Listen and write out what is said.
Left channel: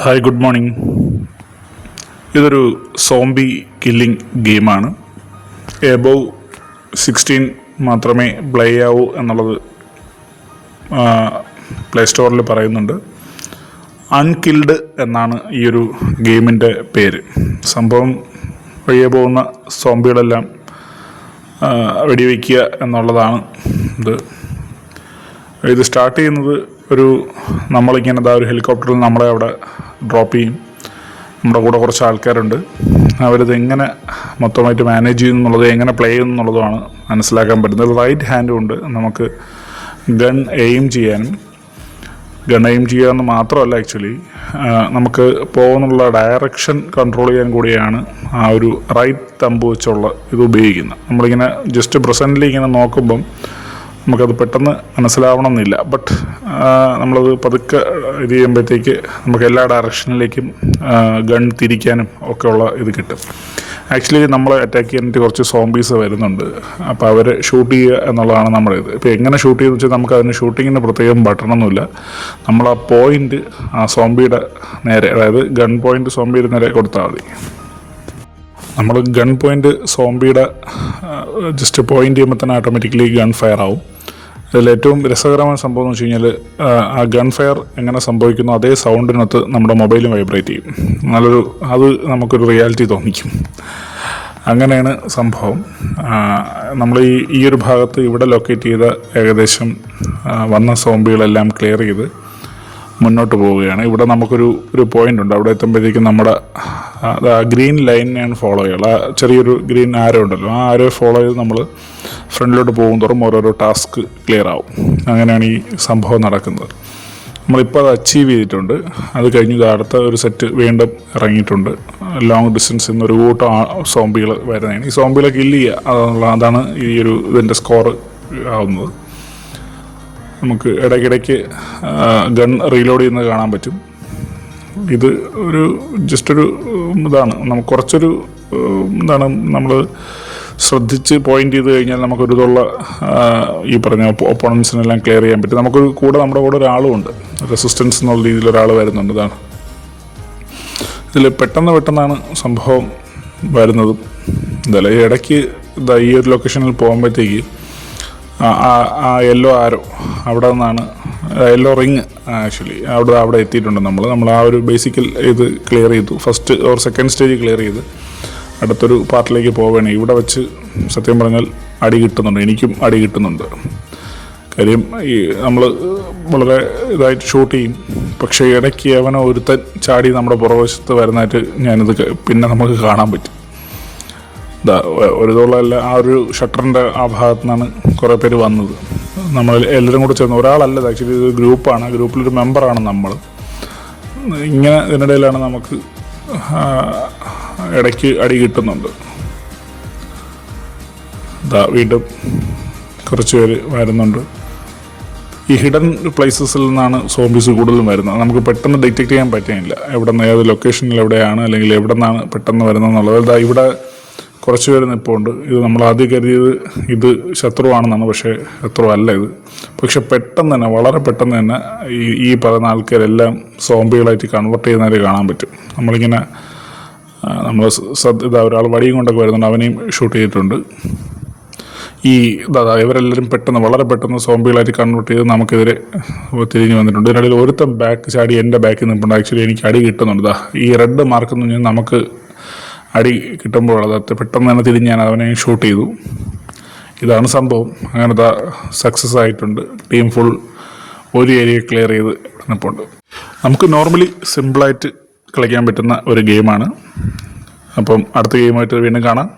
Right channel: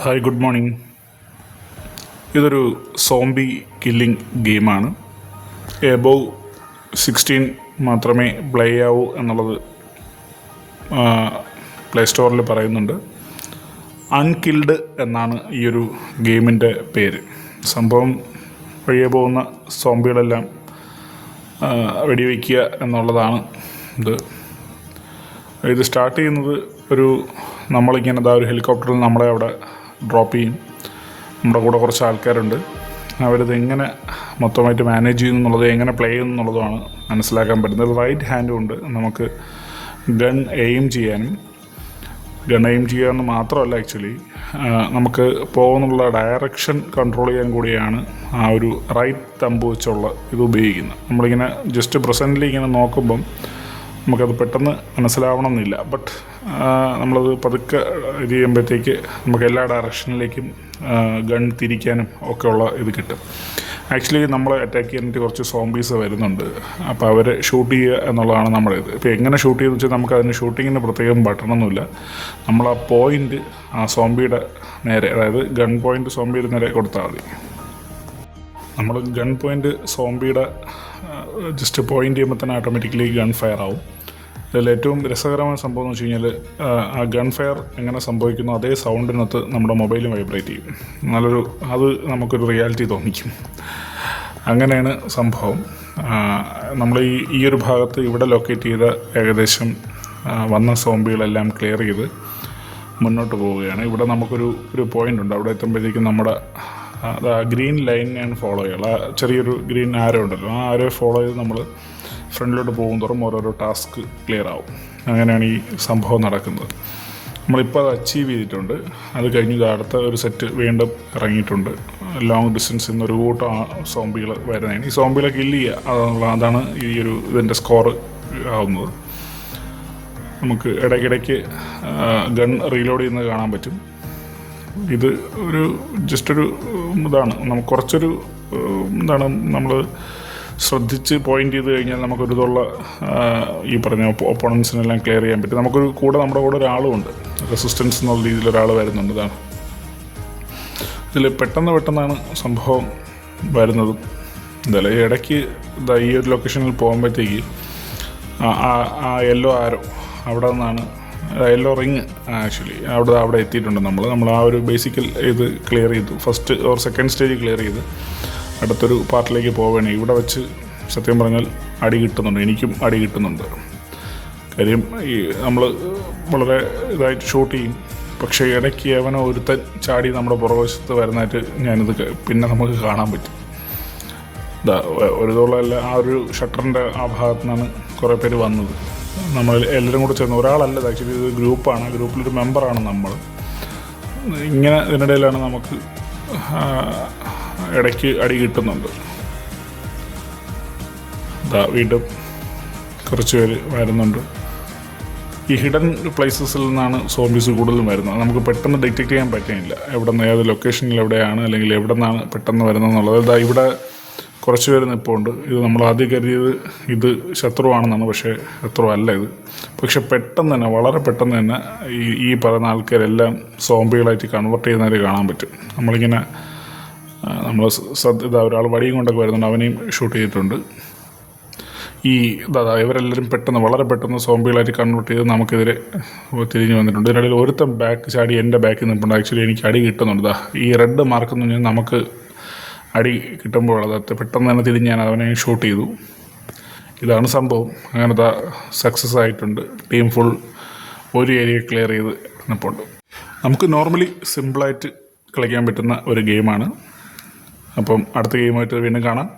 Hi, good morning. ഇതൊരു zombie killing ഗെയിമാണ്. Above 16 മാത്രമേ പ്ലേ ആവൂ എന്നുള്ളത് പ്ലേ സ്റ്റോറിൽ പറയുന്നുണ്ട്. അൺകിൽഡ് എന്നാണ് ഈ ഒരു ഗെയിമിൻ്റെ പേര്. സംഭവം വഴിയെ പോകുന്ന സോംബികളെല്ലാം വെടിവെക്കുക എന്നുള്ളതാണ് ഇത് സ്റ്റാർട്ട് ചെയ്യുന്നത്. നമ്മളിങ്ങനെ ഒരു ഹെലികോപ്റ്ററിൽ നമ്മളെ അവിടെ ഡ്രോപ്പ് ചെയ്യും. നമ്മുടെ കൂടെ കുറച്ച് ആൾക്കാരുണ്ട്. അവരിത് എങ്ങനെ മൊത്തമായിട്ട് മാനേജ് ചെയ്യുന്നു എന്നുള്ളത്, എങ്ങനെ പ്ലേ ചെയ്യുന്നു എന്നുള്ളതാണ് മനസ്സിലാക്കാൻ പറ്റുന്നത്. റൈറ്റ് ഹാൻഡും ഉണ്ട്. നമുക്ക് ഗൺ എയിം ചെയ്യാനും, ഗൺ എയിം ചെയ്യാമെന്ന് മാത്രമല്ല, ആക്ച്വലി നമുക്ക് പോകുന്നുള്ള ഡയറക്ഷൻ കൺട്രോൾ ചെയ്യാൻ കൂടിയാണ് ആ ഒരു റൈറ്റ് തമ്പ് വെച്ചുള്ള ഇത് ഉപയോഗിക്കുന്നത്. നമ്മളിങ്ങനെ ജസ്റ്റ് പ്രസൻ്റ്ലി ഇങ്ങനെ നോക്കുമ്പം നമുക്കത് പെട്ടെന്ന് മനസ്സിലാവണമെന്നില്ല. ബട്ട് നമ്മളത് പതുക്കെ ഇത് ചെയ്യുമ്പോഴത്തേക്ക് നമുക്ക് എല്ലാ ഡയറക്ഷനിലേക്കും ഗൺ തിരിക്കാനും ഒക്കെ ഉള്ള ഇത് കിട്ടും. ആക്ച്വലി നമ്മളെ അറ്റാക്ക് ചെയ്യാനായിട്ട് കുറച്ച് സോംബീസ് വരുന്നുണ്ട്. അപ്പോൾ അവർ ഷൂട്ട് ചെയ്യുക എന്നുള്ളതാണ് നമ്മുടെ ഇത്. ഇപ്പോൾ എങ്ങനെ ഷൂട്ട് ചെയ്യുന്നത് വെച്ചാൽ നമുക്ക് അതിന് ഷൂട്ടിങ്ങിന് പ്രത്യേകം ബട്ടണൊന്നുമില്ല. നമ്മൾ ആ പോയിൻ്റ് ആ സോംബിയുടെ നേരെ, അതായത് ഗൺ പോയിൻ്റ് സോംബിയുടെ നേരെ കൊടുത്താൽ മതി. നമ്മൾ ഗൺ പോയിൻ്റ് സോംബിയുടെ ജസ്റ്റ് പോയിൻ്റ് ചെയ്യുമ്പോൾ തന്നെ ഓട്ടോമാറ്റിക്കലി ഗൺ ഫയർ ആവും. ഇതിൽ ഏറ്റവും രസകരമായ സംഭവം എന്ന് വെച്ച് കഴിഞ്ഞാൽ ആ ഗൺ ഫയർ എങ്ങനെ സംഭവിക്കുന്നു അതേ സൗണ്ടിനകത്ത് നമ്മുടെ മൊബൈലും വൈബ്രേറ്റ് ചെയ്യും. അത് നമുക്കൊരു റിയാലിറ്റി തോന്നിക്കും. അങ്ങനെയാണ് സംഭവം. നമ്മൾ ഈ ഒരു ഭാഗത്ത് ഇവിടെ ലൊക്കേറ്റ് ചെയ്ത ഏകദേശം വന്ന സോംബികളെല്ലാം ക്ലിയർ ചെയ്ത് മുന്നോട്ട് പോവുകയാണ്. ഇവിടെ നമുക്കൊരു പോയിൻ്റ് ഉണ്ട്. അവിടെ എത്തുമ്പോഴത്തേക്കും നമ്മുടെ ഗ്രീൻ ലൈനെയാണ് ഫോളോ ചെയ്യുക. ചെറിയൊരു ഗ്രീൻ ആരോ ഉണ്ടല്ലോ, ആ ആരോ ഫോളോ ചെയ്ത് നമ്മൾ ഫ്രണ്ടിലോട്ട് പോകും തോറും ഓരോരോ ടാസ്ക് ക്ലിയർ ആവും. അങ്ങനെയാണ് ഈ സംഭവം നടക്കുന്നത്. നമ്മളിപ്പോൾ അത് അച്ചീവ് ചെയ്തിട്ടുണ്ട്. അത് കഴിഞ്ഞ് അടുത്ത ഒരു സെറ്റ് വീണ്ടും ഇറങ്ങിയിട്ടുണ്ട്. ലോങ് ഡിസ്റ്റൻസ് എന്നൊരു കൂട്ടം സോംബികൾ വരുന്നതാണ്. ഈ സോംബികളെ കില്ല് ചെയ്യുക അതാണ് ഈ ഇതിൻ്റെ സ്കോർ ആവുന്നത്. നമുക്ക് ഇടയ്ക്കിടയ്ക്ക് ഗൺ റീലോഡ് ചെയ്യുന്നത് കാണാൻ പറ്റും. ഇത് ജസ്റ്റൊരു ഇതാണ്. നമുക്ക് കുറച്ചൊരു നമ്മൾ ശ്രദ്ധിച്ച് പോയിൻ്റ് ചെയ്ത് കഴിഞ്ഞാൽ നമുക്കൊരിതുള്ള ഈ പറഞ്ഞ ഒപ്പോണൻസിനെല്ലാം ക്ലിയർ ചെയ്യാൻ പറ്റും. നമ്മുടെ കൂടെ ഒരാളും ഉണ്ട്. റെസിസ്റ്റൻസ് എന്നുള്ള രീതിയിൽ ഒരാൾ വരുന്നുണ്ട്. ഇതാണ് ഇതിൽ പെട്ടെന്നാണ് സംഭവം വരുന്നതും. എന്തായാലും ഈ ഇടയ്ക്ക് ഈ ഒരു ലൊക്കേഷനിൽ പോകുമ്പോഴത്തേക്ക് ആ യെല്ലോ ആരോ അവിടെ നിന്നാണ്, യെല്ലോ റിങ് ആക്ച്വലി അവിടെ എത്തിയിട്ടുണ്ട്. നമ്മൾ ആ ഒരു ബേസിക്കൽ ഇത് ക്ലിയർ ചെയ്തു. First or second stage clear ചെയ്ത് അടുത്തൊരു പാർട്ടിലേക്ക് പോവുകയാണ്. ഇവിടെ വെച്ച് സത്യം പറഞ്ഞാൽ അടി കിട്ടുന്നുണ്ട്. എനിക്കും അടി കിട്ടുന്നുണ്ട്. കാര്യം നമ്മൾ വളരെ ഇതായിട്ട് ഷൂട്ട് ചെയ്യും. പക്ഷേ ഇടയ്ക്ക് അവനോ ഒരുത്തൻ ചാടി നമ്മുടെ പുറവശത്ത് വരുന്നതായിട്ട് ഞാനിത് പിന്നെ നമുക്ക് കാണാൻ പറ്റും. ഒരുതോളമല്ല, ആ ഒരു ഷട്ടറിൻ്റെ ആ ഭാഗത്തു നിന്നാണ് കുറേ പേര് വന്നത്. നമ്മൾ എല്ലാവരും കൂടെ ചേർന്ന്, ഒരാളല്ല ആക്ച്വലി, ഇത് ഗ്രൂപ്പാണ്. ഗ്രൂപ്പിലൊരു മെമ്പറാണ് നമ്മൾ. ഇങ്ങനെ ഇതിനിടയിലാണ് നമുക്ക് ഇടയ്ക്ക് അടി കിട്ടുന്നുണ്ട്. വീണ്ടും കുറച്ച് പേര് വരുന്നുണ്ട്. ഈ ഹിഡൻ പ്ലേസസിൽ നിന്നാണ് സോംബീസ് കൂടുതലും വരുന്നത്. നമുക്ക് പെട്ടെന്ന് ഡിറ്റക്റ്റ് ചെയ്യാൻ പറ്റുന്നില്ല ഏത് ലൊക്കേഷനിൽ എവിടെയാണ്, അല്ലെങ്കിൽ എവിടെ നിന്നാണ് പെട്ടെന്ന് വരുന്നത് എന്നുള്ളത്. ഇവിടെ കുറച്ച് പേര് നിൽപ്പുണ്ട്. ഇത് നമ്മൾ ആദ്യം കരുതിയത് ഇത് ശത്രുവാണെന്നാണ്. പക്ഷേ ശത്രു അല്ല ഇത്. പക്ഷെ വളരെ പെട്ടെന്ന് തന്നെ ഈ പറയുന്ന ആൾക്കാരെല്ലാം സോംബികളായിട്ട് കൺവെർട്ട് ചെയ്യുന്നവരെ കാണാൻ പറ്റും. നമ്മളിങ്ങനെ ഒരാൾ വടിയും കൊണ്ടൊക്കെ വരുന്നുണ്ട്. അവനെയും ഷൂട്ട് ചെയ്തിട്ടുണ്ട്. ഇവരെല്ലാവരും വളരെ പെട്ടെന്ന് സോംബികളായിട്ട് കൺവെർട്ട് ചെയ്ത് നമുക്കെതിരെ തിരിഞ്ഞു വന്നിട്ടുണ്ട്. ഇതിനിടയിൽ ഒരുത്തം ബാക്ക് ചാടി എൻ്റെ ബാക്കിൽ നിൽപ്പുണ്ട്. ആക്ച്വലി എനിക്ക് അടി കിട്ടുന്നുണ്ട്. ഈ റെഡ് മാർക്ക് എന്ന് പറഞ്ഞാൽ നമുക്ക് അടി കിട്ടുമ്പോൾ അത് പെട്ടെന്ന് തന്നെ തിരിഞ്ഞ് ഞാൻ അവനെ ഷൂട്ട് ചെയ്തു. ഇതാണ് സംഭവം. അങ്ങനത്തെ സക്സസ് ആയിട്ടുണ്ട്. ടീം ഫുൾ ഒരു ഏരിയ ക്ലിയർ ചെയ്ത് നിൽപ്പുണ്ട്. നമുക്ക് നോർമലി സിമ്പിളായിട്ട് കളിക്കാൻ പറ്റുന്ന ഒരു ഗെയിമാണ്. അപ്പം അടുത്ത ഗെയിമായിട്ട് വീണ്ടും കാണാം.